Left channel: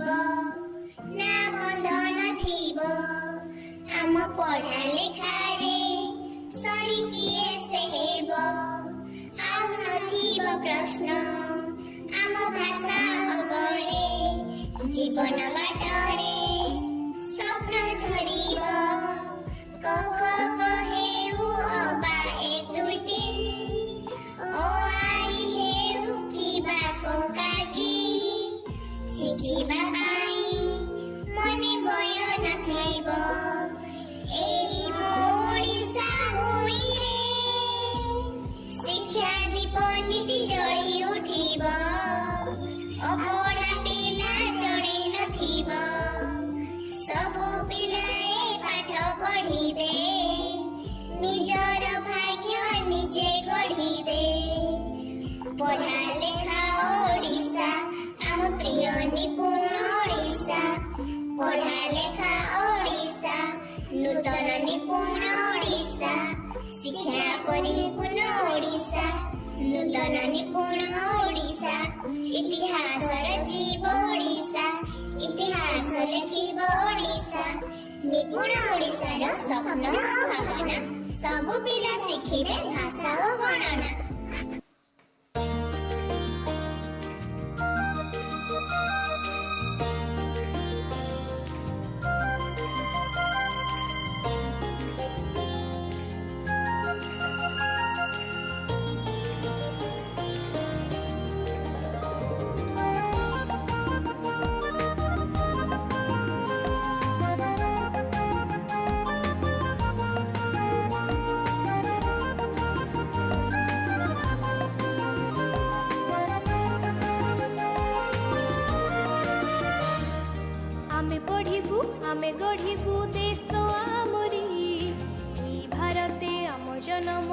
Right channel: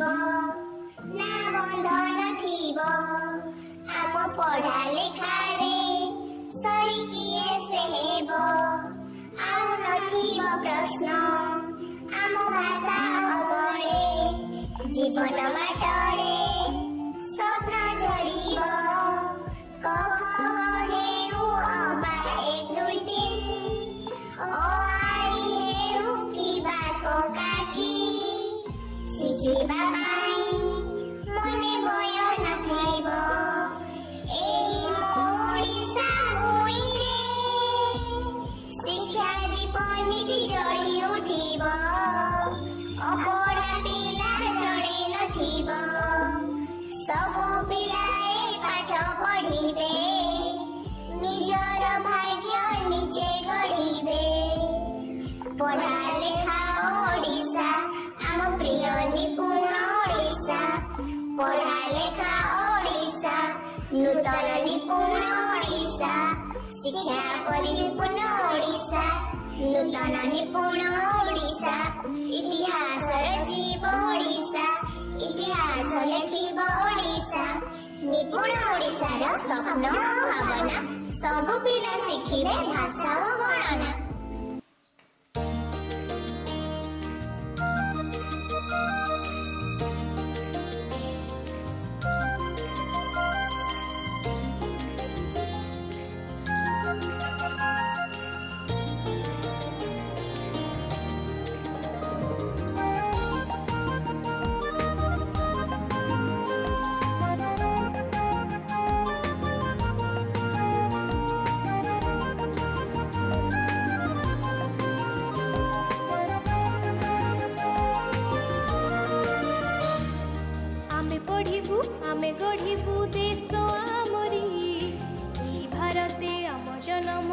ना बंधन थिबो आम पढ़ा लेखारे सरी किए से हेबो आउ नथिबो प्रश्न आम भाषा अगरे जीवन बाटरे स्वप्न झरिबो कख कहेउ अबा एक दुई दिन ओ आई हेउ किबा कोकाकी शिखिबा पाई मने भय नथाइबो एई मो ओडिसा भुइँरे शिक्षा दीप नीति जଳି उठिबो अपढ़ा पिला जणे नथिबो सबु पिलाए पाठ पढ़िबे निजर भाग्य निजे गढ़िबे पढ़ा लेखा ओडिसा आम प्रिय निपुण ओडिसा पढ़ा लेखा ओडिसा नूतन निपुण ओडिसा शिक्षा परिपूर्ण ओडिसा नूतन निपुण ओडिसा इतिहास रचिब ओडिसा इतिहास लेखिब ओडिसा निपुण ओडिसार स्वप्न भावना सबु पिला शिखिबे भाषा ओ गणना। आमे गढ़िबु देश आमरी ई भारते आम जनम